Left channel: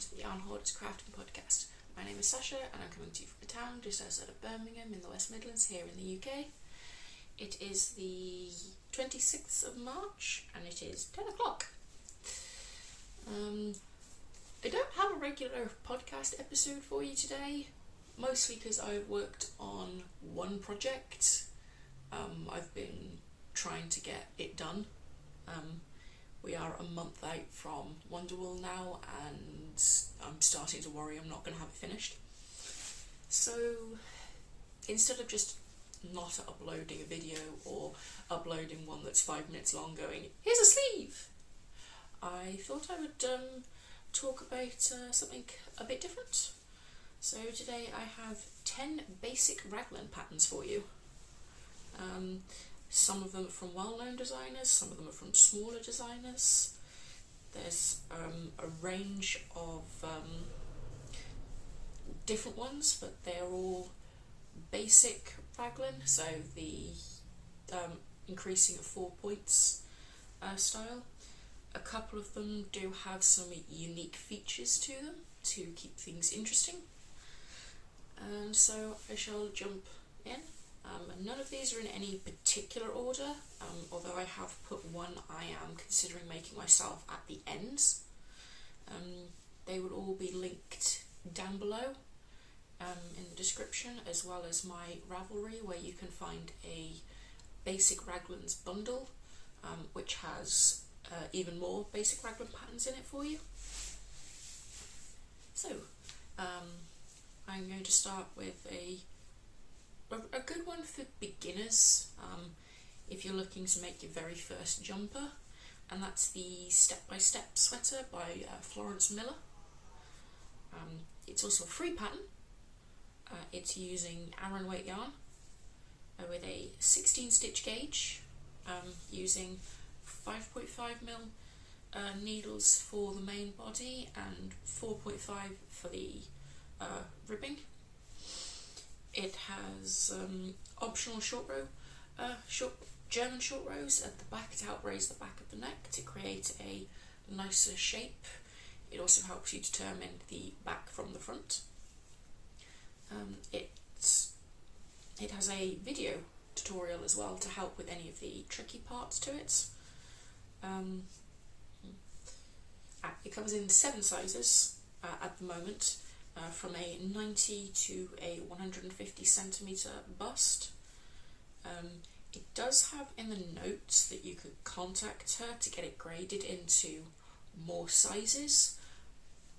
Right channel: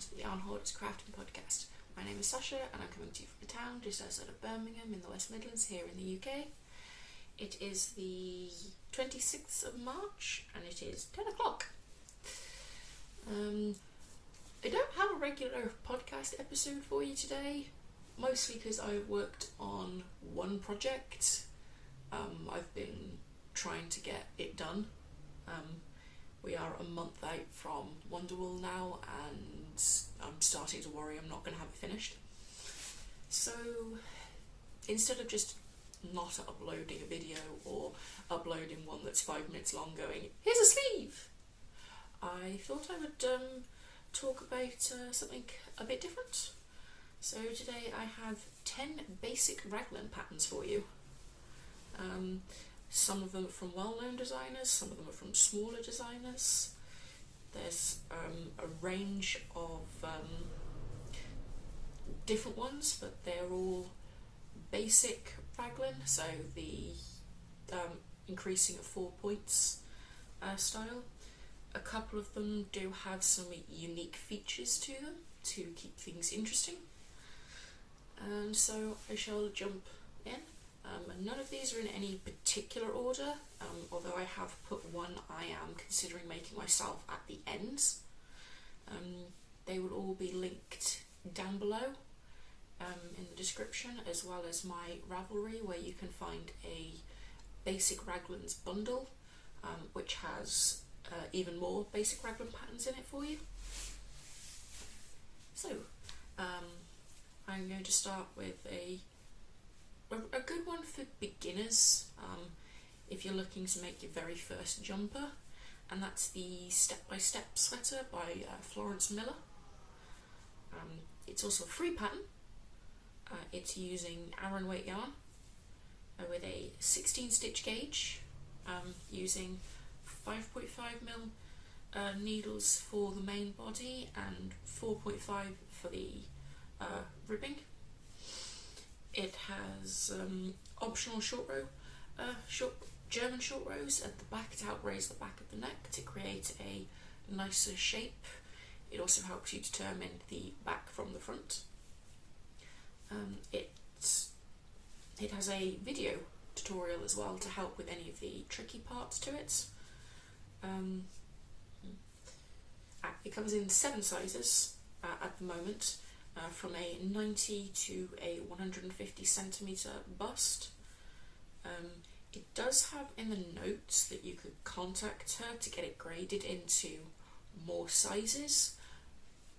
to the Hoarder's Crafting Podcast. My name is Sasha and I'm coming to you from a town just outside of Birmingham in the West Midlands here in the UK. It is the 26th of March and it is 10 o'clock. I don't have a regular podcast episode for you today, mostly because I've worked on one project. I've been trying to get it done. We are a month out from Wonderwool now and I'm starting to worry I'm not going to have it finished. So instead of just not uploading a video or uploading one that's 5 minutes long going, here's a sleeve, I thought I would talk about something a bit different. So today I have 10 basic raglan patterns for you. Some of them are from well-known designers, some of them are from smaller designers. There's a range of different ones, but they're all basic raglan, so the increasing at 4 points style. A couple of them do have some unique features to them to keep things interesting. And so I shall jump in. None of these are in any particular order, although I have put one I am considering making myself at the end. They will all be linked down below in the description, as well as my Ravelry, where you can find a Basic Raglans bundle, which has even more basic raglan patterns in it for you. So I'm going to start with a good one for beginners if you're looking to make your very first jumper, and that's the Step-by-Step Sweater by Florence Miller. It's also a free pattern. It's using Aran weight yarn with a 16 stitch gauge, using 5.5mm needles for the main body and 4.5 for the ribbing. It has optional German short rows at the back to help raise the back of the neck to create a nicer shape. It also helps you determine the back from the front. It has a video tutorial as well to help with any of the tricky parts to it. It comes in 7 sizes at the moment. From a 90 to a 150 centimetre bust. It does have in the notes that you could contact her to get it graded into more sizes.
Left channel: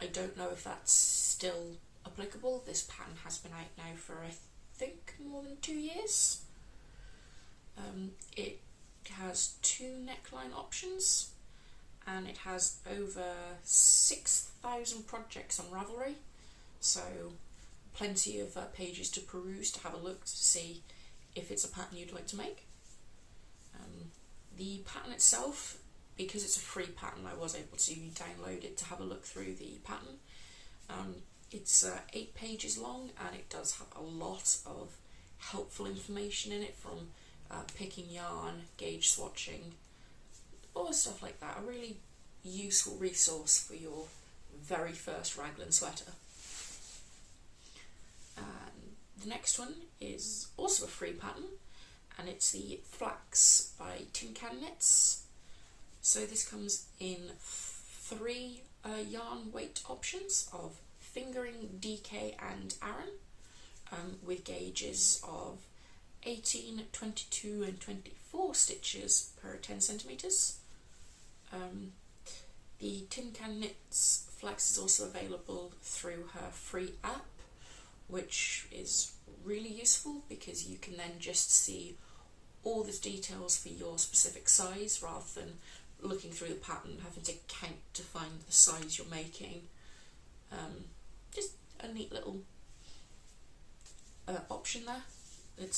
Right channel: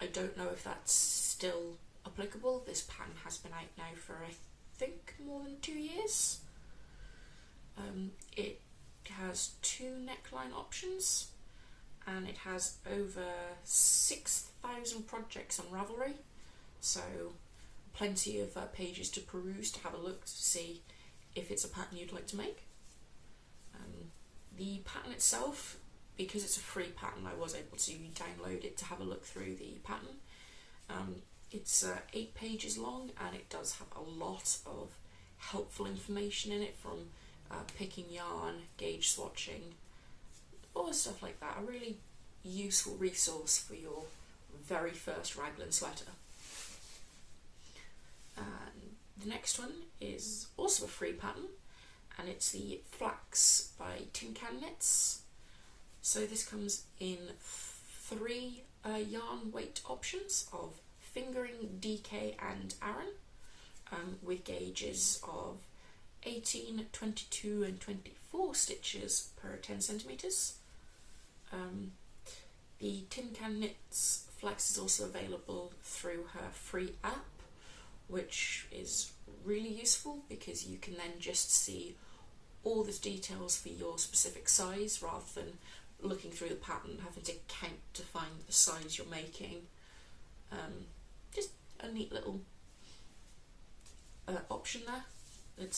I don't know if that's still applicable. This pattern has been out now for I think more than 2 years. It has 2 neckline options and it has over 6,000 projects on Ravelry. So plenty of pages to peruse to have a look to see if it's a pattern you'd like to make. The pattern itself, because it's a free pattern, I was able to download it to have a look through the pattern. It's 8 pages long and it does have a lot of helpful information in it, from picking yarn, gauge swatching, all stuff like that. A really useful resource for your very first raglan sweater. The next one is also a free pattern, and it's the Flax by Tin Can Knits. So this comes in 3 yarn weight options of fingering, DK and Aran, with gauges of 18, 22 and 24 stitches per 10 centimetres. The Tin Can Knits Flax is also available through her free app, which is really useful because you can then just see all the details for your specific size rather than looking through the pattern and having to count to find the size you're making. Just a neat little option there. It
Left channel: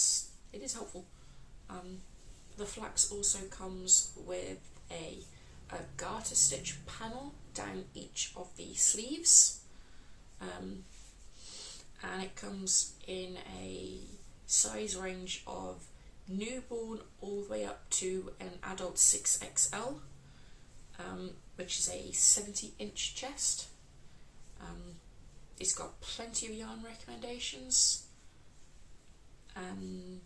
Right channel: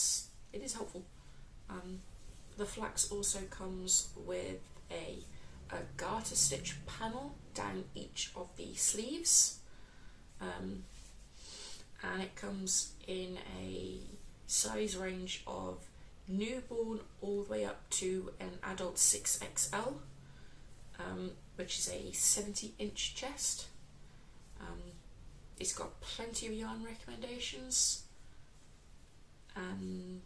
is helpful. The Flax also comes with a garter stitch panel down each of the sleeves. And it comes in a size range of newborn all the way up to an adult 6XL, which is a 70-inch chest. It's got plenty of yarn recommendations, and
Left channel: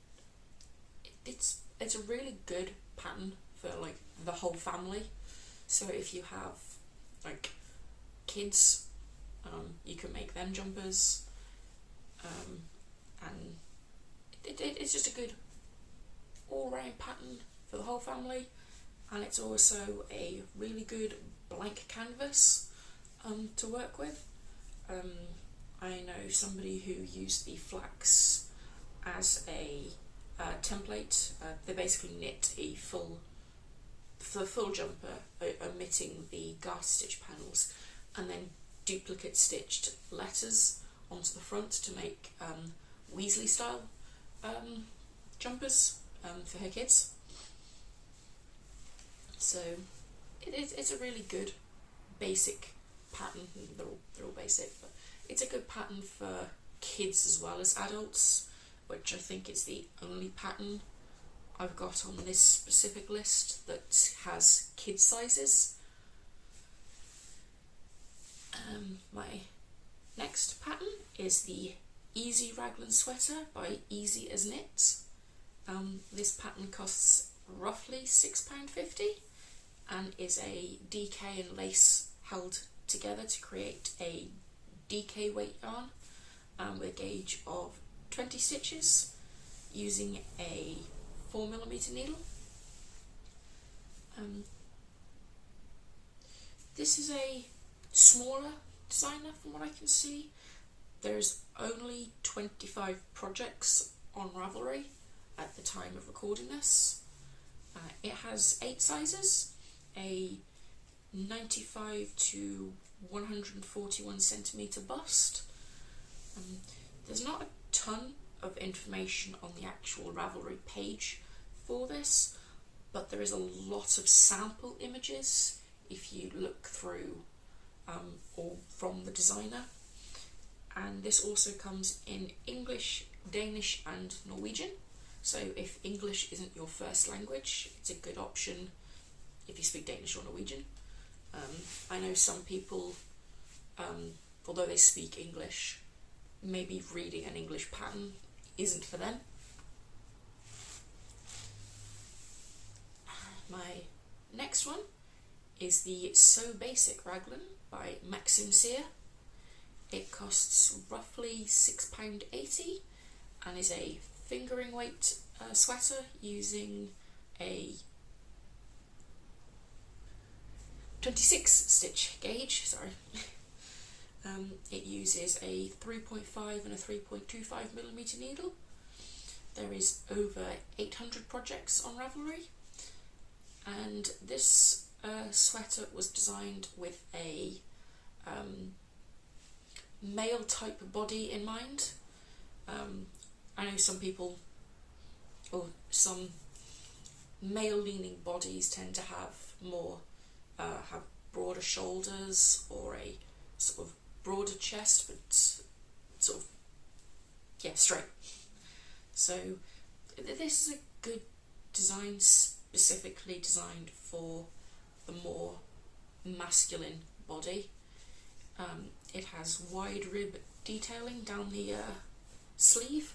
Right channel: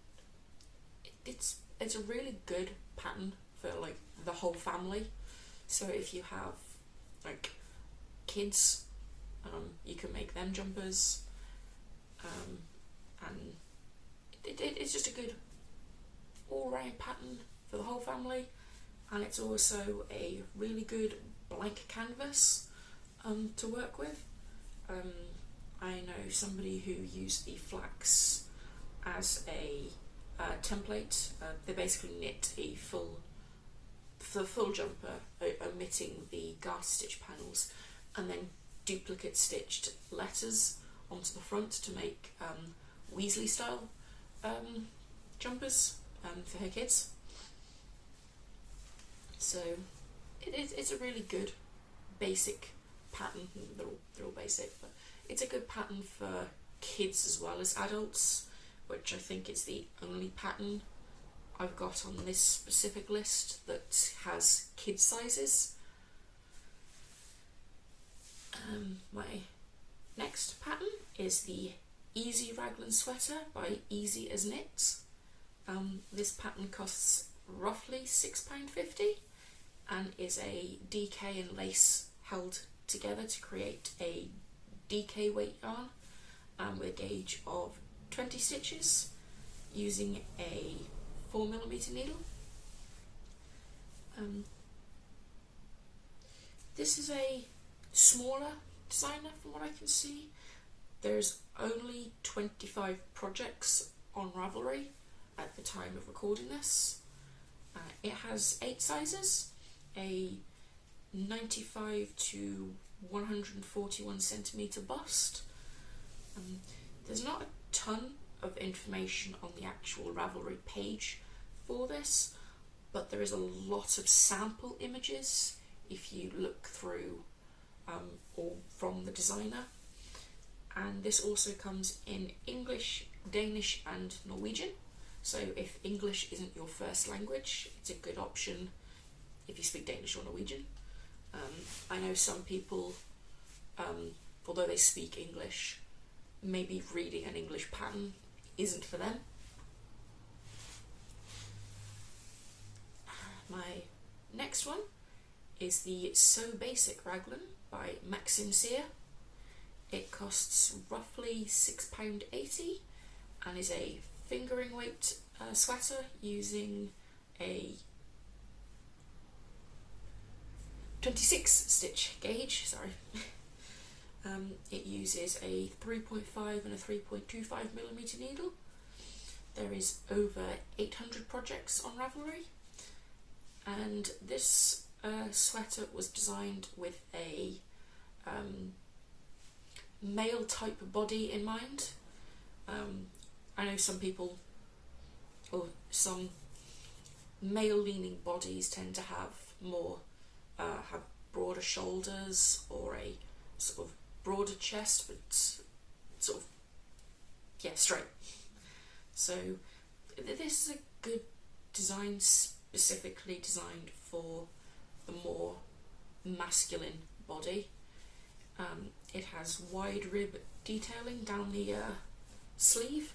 it's a really good pattern for like the whole family. So if you have like kids, you can make them jumpers, and it's just a good all-round pattern for the whole family, and it's also a really good blank canvas to work with. I know somebody who used the flax as a template. They basically knit the full jumper, omitting the garter stitch panels, and then duplicate stitched letters onto the front to make Weasley style jumpers for her kids. So it's a really good basic pattern. They're all basic, but it's a good pattern for kids as well as adults, which I think is the only pattern I've got on this specific list that has kid sizes. My next pattern is the Easy Raglan Sweater by Easy as Knit. This pattern costs roughly £6.50 and is a DK and lace held together to create a DK weight yarn with a gauge of 20 stitches using a 4mm needle. This is a smaller designer from what I can see. There's only 25 projects on Ravelry at the time of recording this. It has 8 sizes, a 95 to 141 centimetre bust. There's not a ton of information on the actual Ravelry page for this, but there is a lot of sample images if you look through or from the designer. And this also comes in English, Danish and Norwegian. So if English isn't your first language, it's a good option if you speak Danish or Norwegian. I know some people, although they speak English, maybe reading an English pattern isn't for them. My next one is the So Basic Raglan by Maxim Sear. It costs roughly £6.80 and is a fingering weight sweater using a 26 stitch gauge, sorry. It uses a 3.5 and a 3.25mm needle. There is over 800 projects on Ravelry, and this sweater was designed with a male type body in mind. I know some people, or some male leaning bodies tend to have more, have broader shoulders or a sort of broader chest, but sort of, yeah, straight. So this is a good design, specifically designed for the more masculine body. It has wide rib detailing down the sleeve.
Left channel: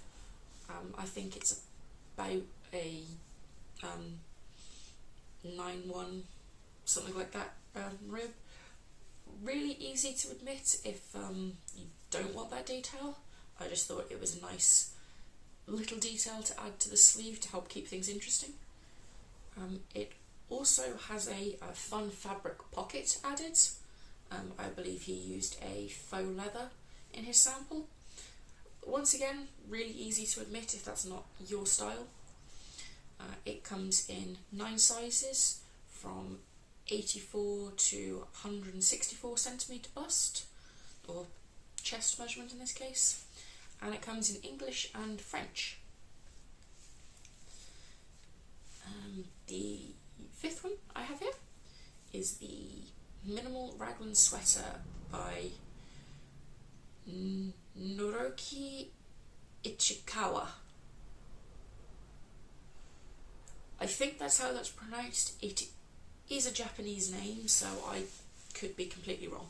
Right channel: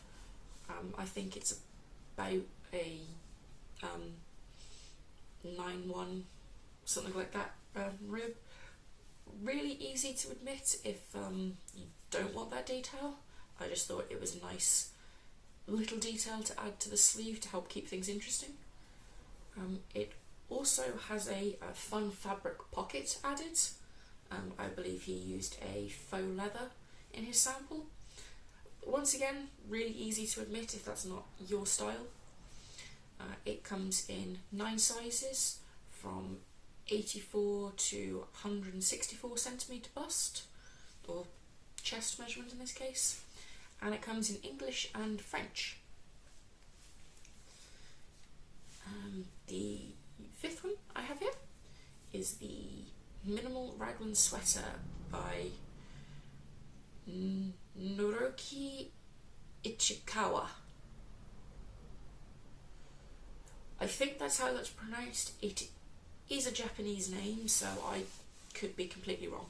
I think it's about a 9-1, something like that, rib. Really easy to admit if you don't want that detail. I just thought it was a nice little detail to add to the sleeve to help keep things interesting. It also has a fun fabric pocket added. I believe he used a faux leather in his sample. Once again, really easy to admit if that's not your style. It comes in 9 sizes from 84 to 164 centimetre bust, or chest measurement in this case, and it comes in English and French. The 5th one I have here is the Minimal Raglan Sweater by Noroki Ichikawa. I think that's how that's pronounced. It is a Japanese name, so I could be completely wrong.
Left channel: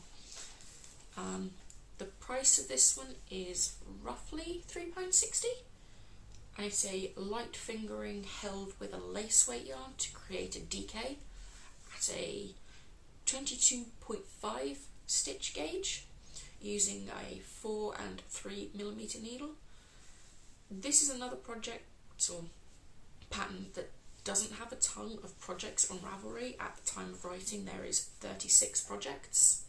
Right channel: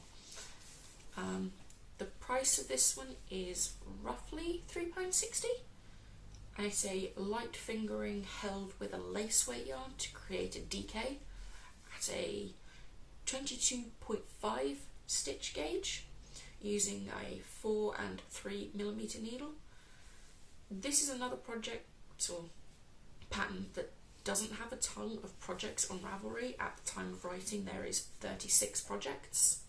The price of this one is roughly £3.60, and it's a light fingering held with a lace weight yarn to create a DK at a 22.5 stitch gauge using a 4 and 3mm needle. This is another project or pattern that doesn't have a ton of projects on Ravelry. At the time of writing there is 36 projects.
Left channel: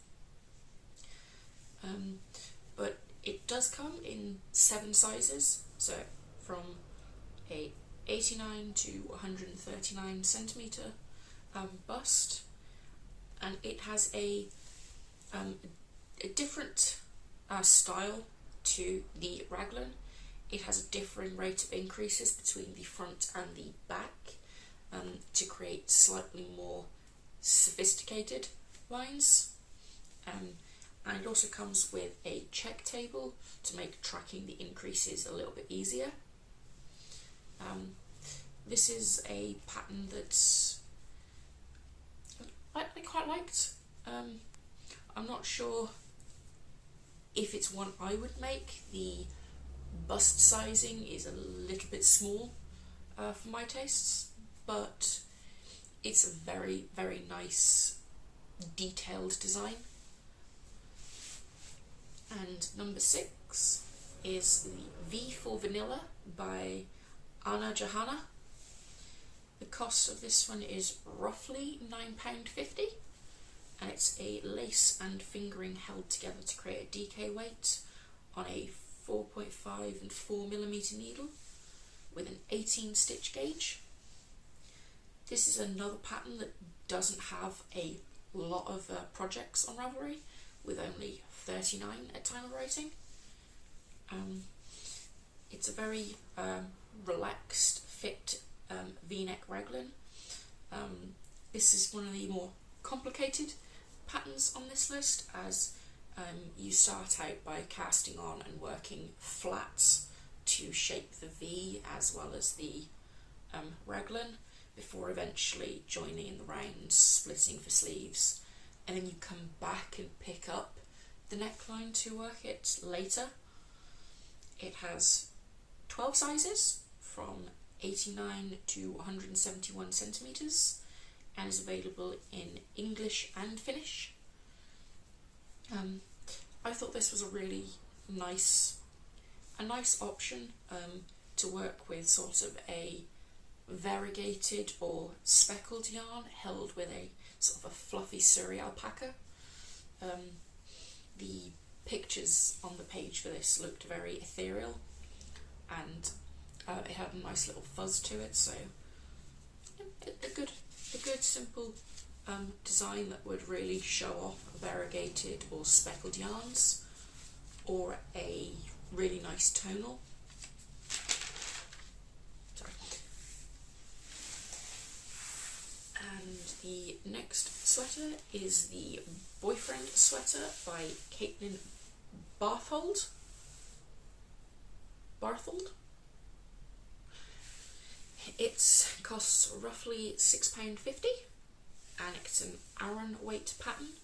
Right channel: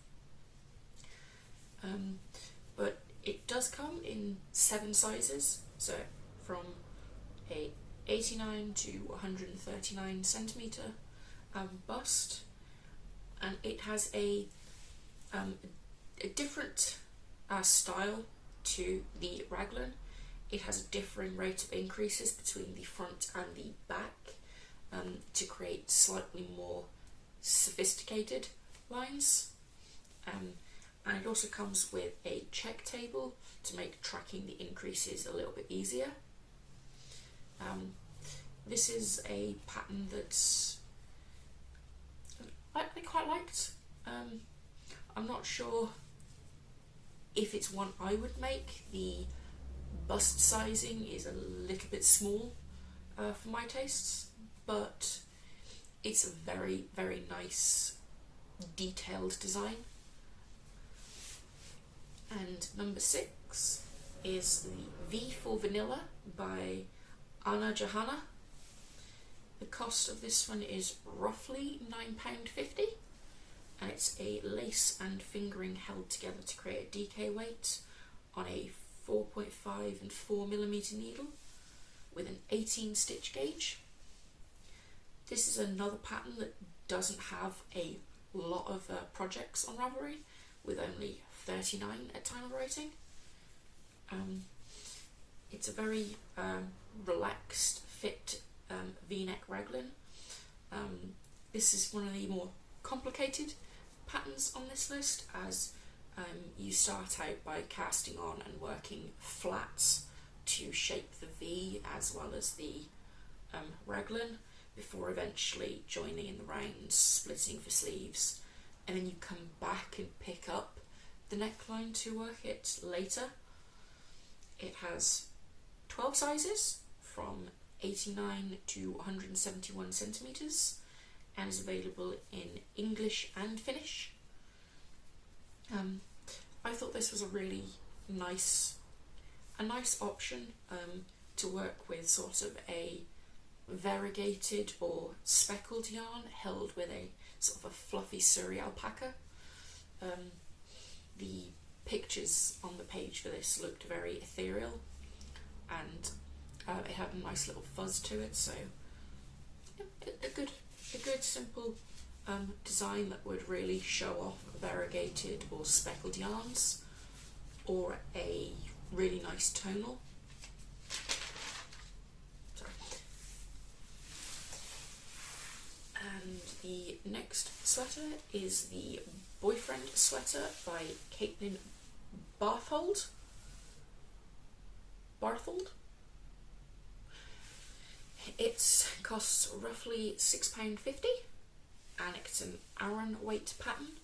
But it does come in 7 sizes, so from a 89 to 139 centimetre bust, and it has a different style to the raglan. It has a differing rate of increases between the front and the back to create slightly more sophisticated lines. And it also comes with a check table to make tracking the increases a little bit easier. This is a pattern that I quite liked. I'm not sure if it's one I would make. The bust sizing is a little bit small for my tastes, but it's a very, very nice detailed design. And number 6 is the V for Vanilla by Anna Johanna. The cost of this one is roughly £9.50, and it's a lace and fingering held together to create a DK weight on a 4.5 and 4mm needle with an 18 stitch gauge. This is another pattern that doesn't have a lot of projects on Ravelry, with only 39 at time of writing. It's a very relaxed fit V-neck raglan. This is one of the more complicated patterns on this list, as you start out by casting on and working flats to shape the V as well as the raglan, before eventually joining in the rounds, splitting for sleeves, and then you come back and pick up the neckline to work it later. It has 12 sizes from 89 to 171 centimetres and is available in English and Finnish. I thought this was a really nice option to work with sort of a variegated or speckled yarn held with a sort of a fluffy Surrey alpaca. The pictures on the page for this looked very ethereal, and it had a nice little fuzz to it, so a good simple design that would really show off variegated or speckled yarns, or a really nice tonal. Sorry. And the next sweater is the Boyfriend Sweater by Caitlin Barthold. It costs roughly £6.50, and it's an Aran weight pattern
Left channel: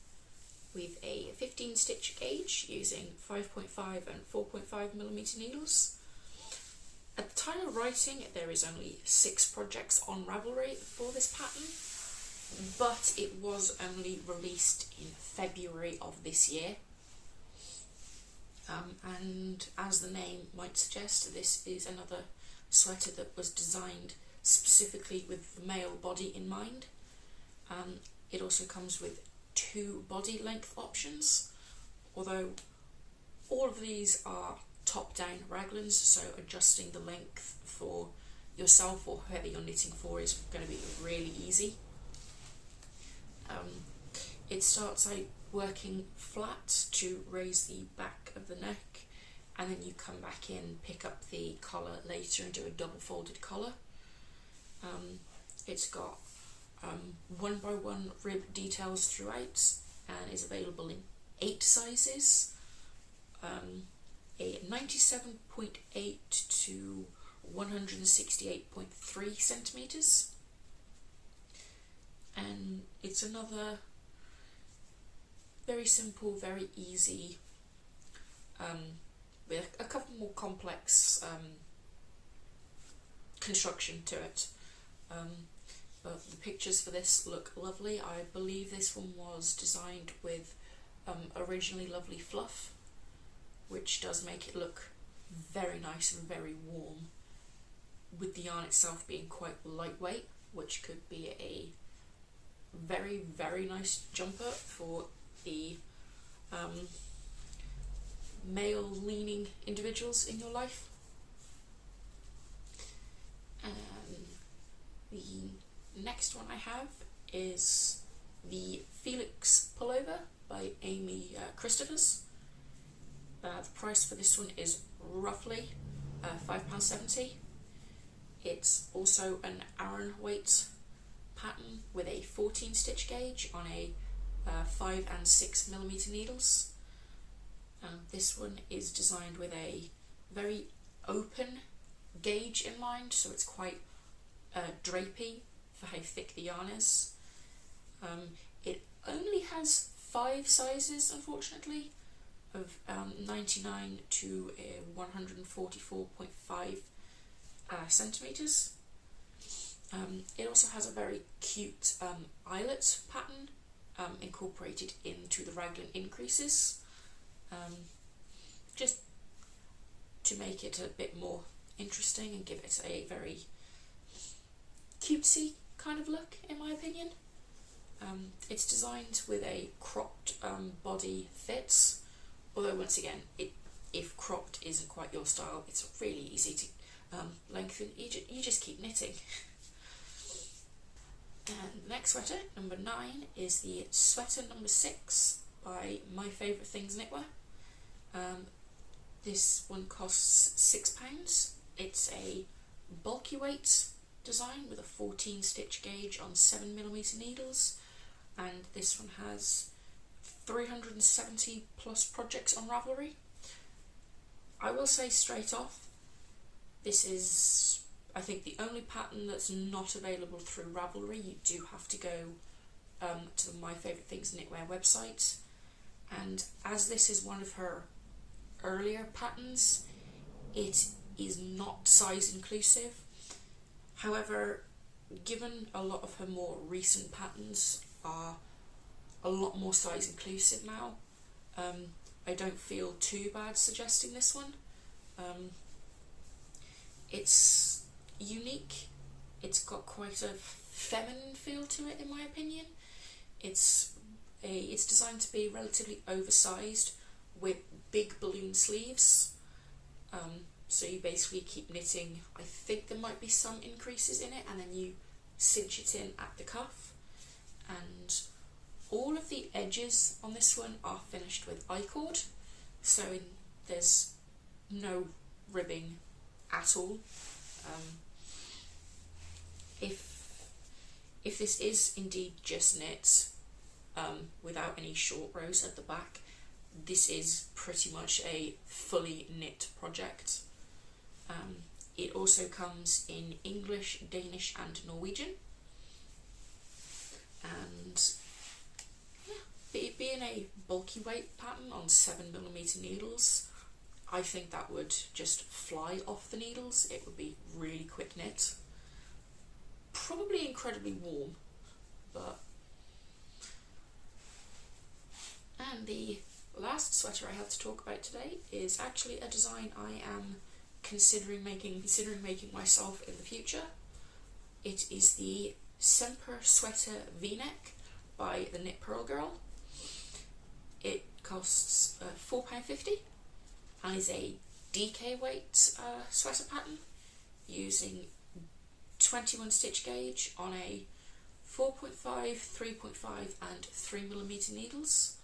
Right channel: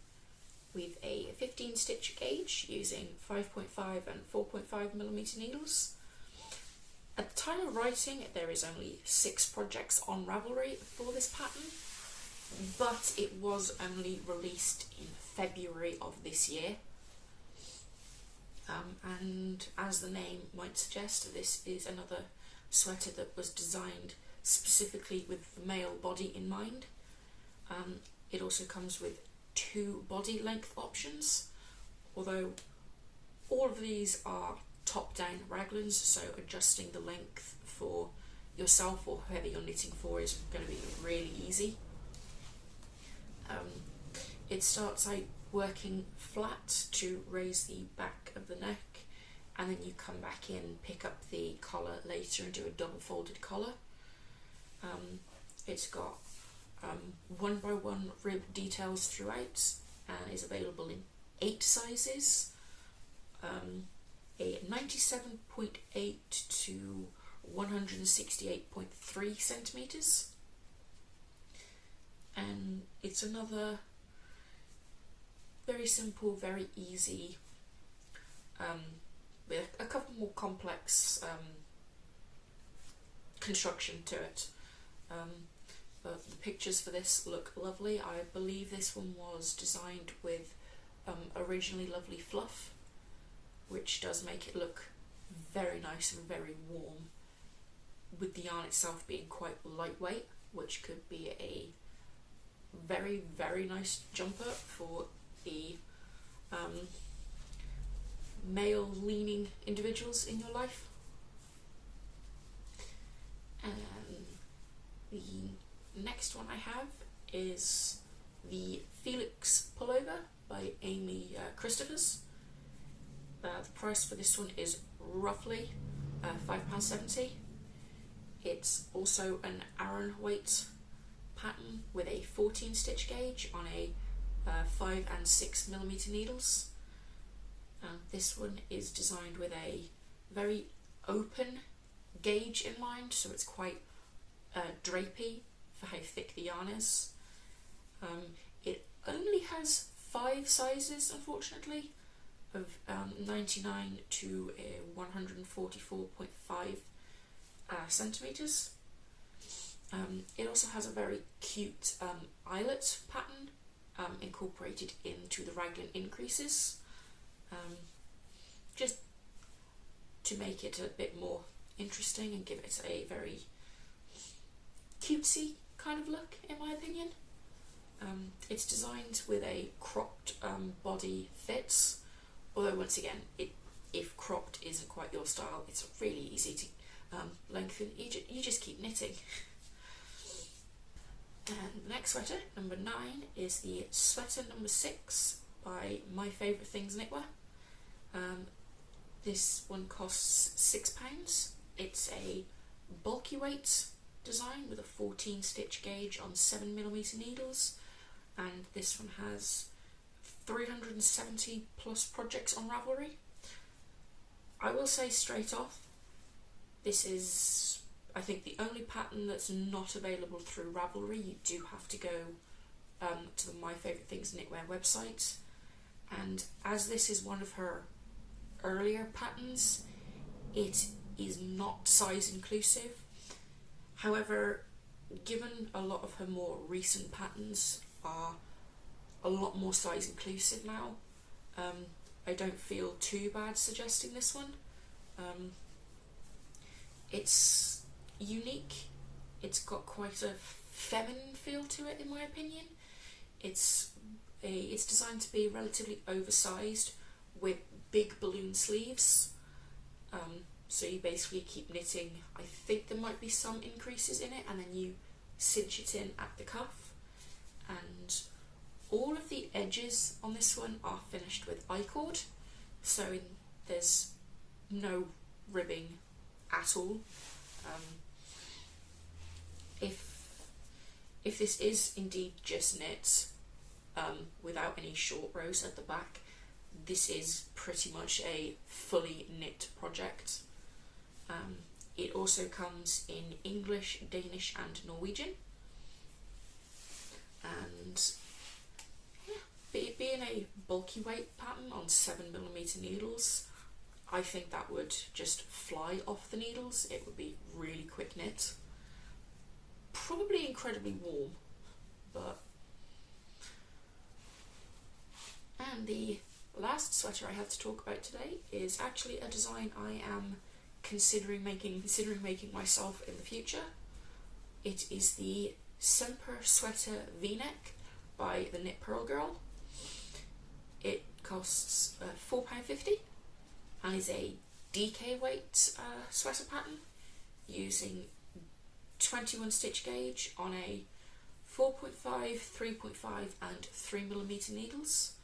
with a 15 stitch gauge using 5.5 and 4.5mm needles. At the time of writing there is only 6 projects on Ravelry for this pattern, but it was only released in February of this year. And as the name might suggest, this is another sweater that was designed specifically with the male body in mind. It also comes with 2 body length options, although all of these are top-down raglans, so adjusting the length for yourself or whoever you're knitting for is going to be really easy. It starts out working flat to raise the back of the neck, and then you come back in, pick up the collar later and do a double folded collar. It's got 1x1 rib details throughout and is available in 8 sizes, a 97.8 to 168.3 centimetres, and it's another very simple, very easy, with a couple more complex construction to it. But the pictures for this look lovely. I believe this one was designed with originally lovely fluff, which does make it look very nice and very warm, with the yarn itself being quite lightweight, which could be a very, very nice jumper for the male leaning individuals in your life. And the next one I have is the Felix Pullover by Amy Christophers. The price for this one is roughly £5.70. It's also an Aran weight pattern with a 14 stitch gauge on a 5 and 6 millimeter needles. This one is designed with a very open gauge in mind, so it's quite drapey for how thick the yarn is. It only has 5 sizes, unfortunately, of 99 to 144.5 centimeters. It also has a very cute eyelet pattern incorporated into the raglan increases, just to make it a bit more interesting and give it a very cutesy kind of look, in my opinion. It's designed with a cropped body fit, although once again, if cropped isn't quite your style, it's really easy to lengthen. You just keep knitting. And the next sweater, number 9, is the sweater number 6 by My Favourite Things Knitwear. This one costs £6. It's a bulky weight design with a 14 stitch gauge on 7mm needles, and this one has 370 plus projects on Ravelry. I will say straight off, this is, I think, the only pattern that's not available through Ravelry. You do have to go to the My Favourite Things Knitwear website, and as this is one of her earlier patterns, it is not size inclusive. However, given a lot of her more recent patterns are a lot more size inclusive now, I don't feel too bad suggesting this one. It's unique. It's got quite a feminine feel to it, in my opinion. It's designed to be relatively oversized with big balloon sleeves. So you basically keep knitting. I think there might be some increases in it, and then you cinch it in at the cuff. And all of the edges on this one are finished with I-cord, so there's no ribbing at all. If this is indeed just knit without any short rows at the back, this is pretty much a fully knit project. It also comes in English, Danish and Norwegian, and yeah, being a bulky weight pattern on 7mm needles, I think that would just fly off the needles. It would be really quick knit, probably incredibly warm, but... And the last sweater I have to talk about today is actually a design I am considering making myself in the future. It is the Semper Sweater V-neck by the Knit Pearl Girl. It costs £4.50 and is a DK weight sweater pattern using 21 stitch gauge on a 4.5, 3.5 and 3mm needles.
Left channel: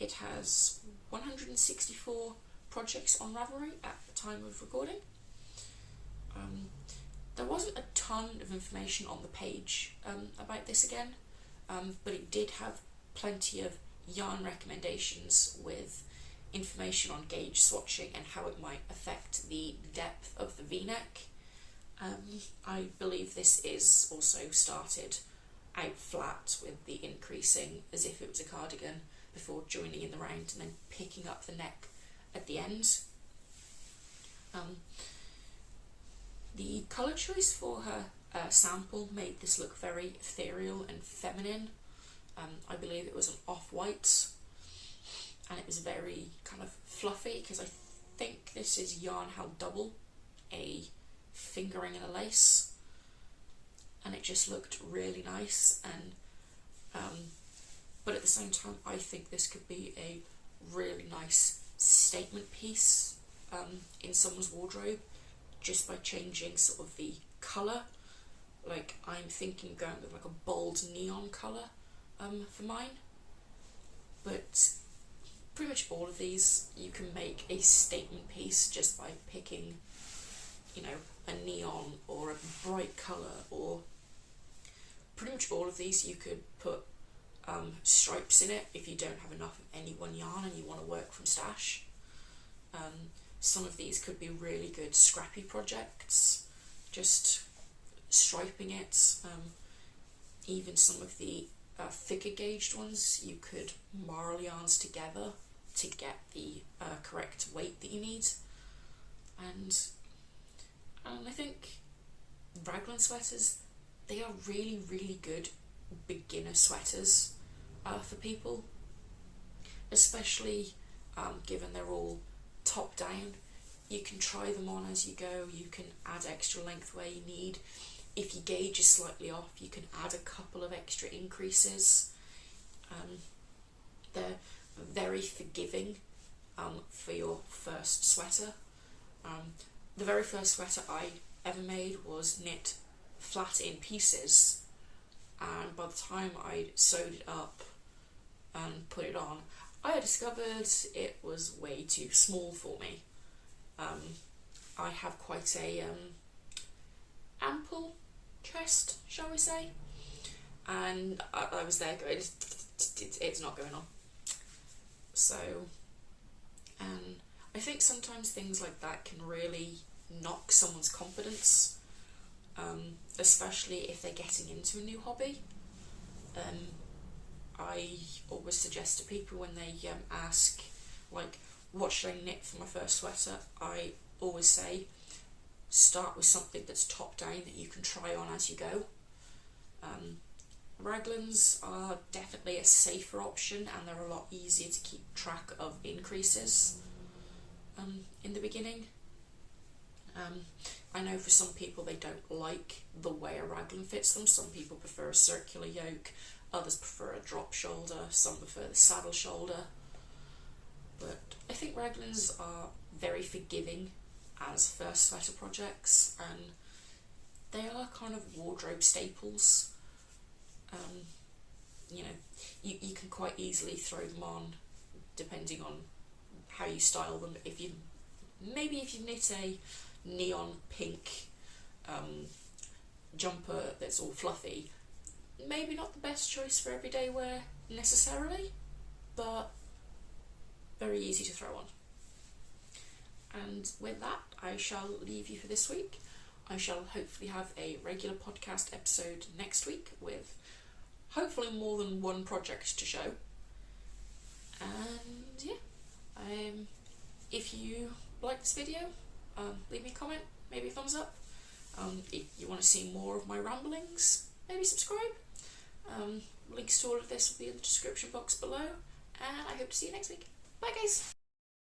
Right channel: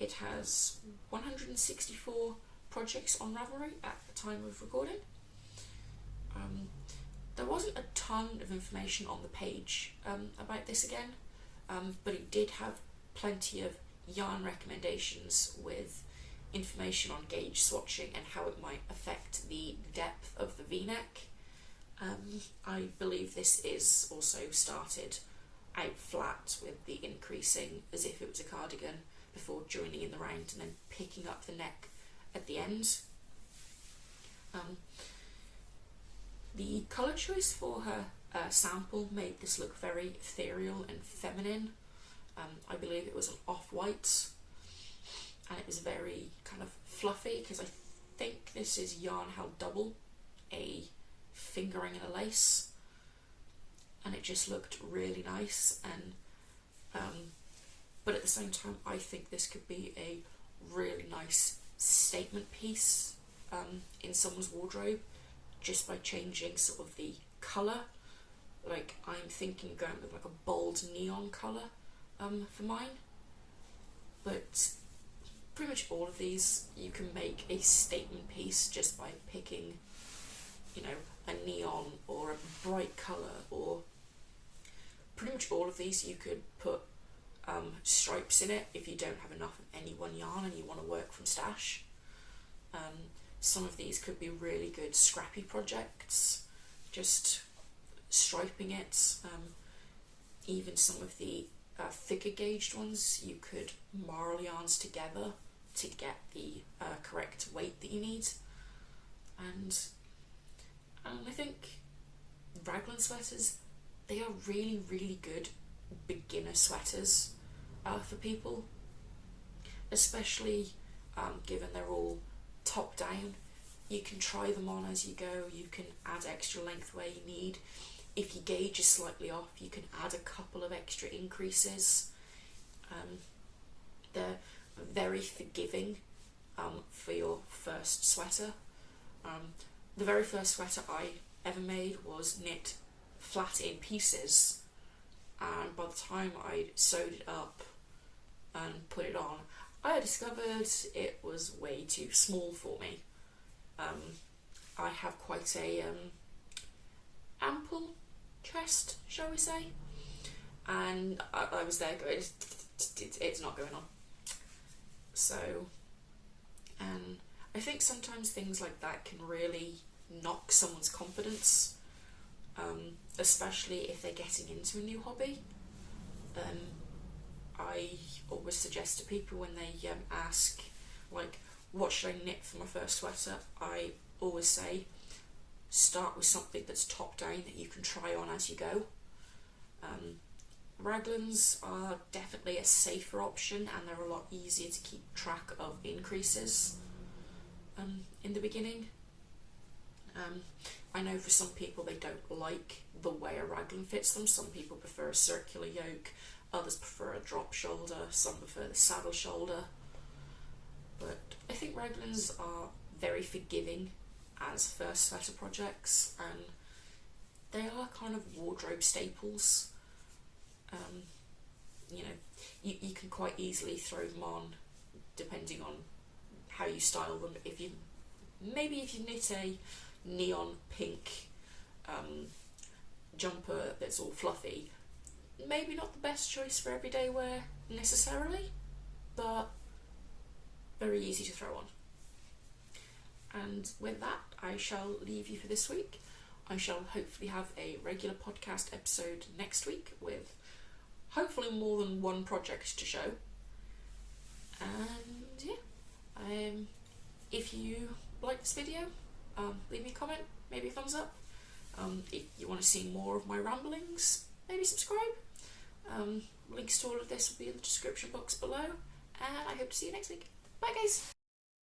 It has 164 projects on Ravelry at the time of recording. There wasn't a ton of information on the page about this again, but it did have plenty of yarn recommendations with information on gauge swatching and how it might affect the depth of the V-neck. I believe this is also started out flat with the increasing as if it was a cardigan, before joining in the round and then picking up the neck at the end. The colour choice for her sample made this look very ethereal and feminine. I believe it was an off-white, and it was very kind of fluffy, because I think this is yarn held double, a fingering and a lace, and it just looked really nice. And but at the same time, I think this could be a really nice statement piece in someone's wardrobe, just by changing sort of the colour. Like, I'm thinking going with like a bold neon colour for mine, but pretty much all of these you can make a statement piece just by picking, you know, a neon or a bright colour, or pretty much all of these you could put stripes in it if you don't have enough of any one yarn and you want to work from stash. Some of these could be really good scrappy projects, just striping it. Even some of the thicker gauged ones, you could marl yarns together to get the correct weight that you need. And I think raglan sweaters, they are really, really good beginner sweaters for people, especially given they're all top down. You can try them on as you go, you can add extra length where you need. If your gauge is slightly off, you can add a couple of extra increases. They're very forgiving for your first sweater. The very first sweater I ever made was knit flat in pieces, and by the time I'd sewed it up and put it on, I discovered it was way too small for me. I have quite a ample chest, shall we say, and I was there going, it's not going on. So, I think sometimes things like that can really knock someone's confidence, especially if they're getting into a new hobby. I always suggest to people when they ask, like, what should I knit for my first sweater, I always say, start with something that's top down that you can try on as you go. Raglans are definitely a safer option, and they're a lot easier to keep track of increases in the beginning. I know for some people they don't like the way a raglan fits them. Some people prefer a circular yoke, others prefer a drop shoulder, some prefer the saddle shoulder. But I think raglans are very forgiving as first sweater projects, and they are kind of wardrobe staples. You know, you can quite easily throw them on depending on how you style them. If you knit a neon pink jumper that's all fluffy, maybe not the best choice for everyday wear necessarily, but very easy to throw on. And with that, I shall leave you for this week. I shall hopefully have a regular podcast episode next week with hopefully more than one project to show. And yeah, if you like this video, leave me a comment, maybe a thumbs up. If you want to see more of my ramblings, maybe subscribe. Links to all of this will be in the description box below, and I hope to see you next week. Bye guys!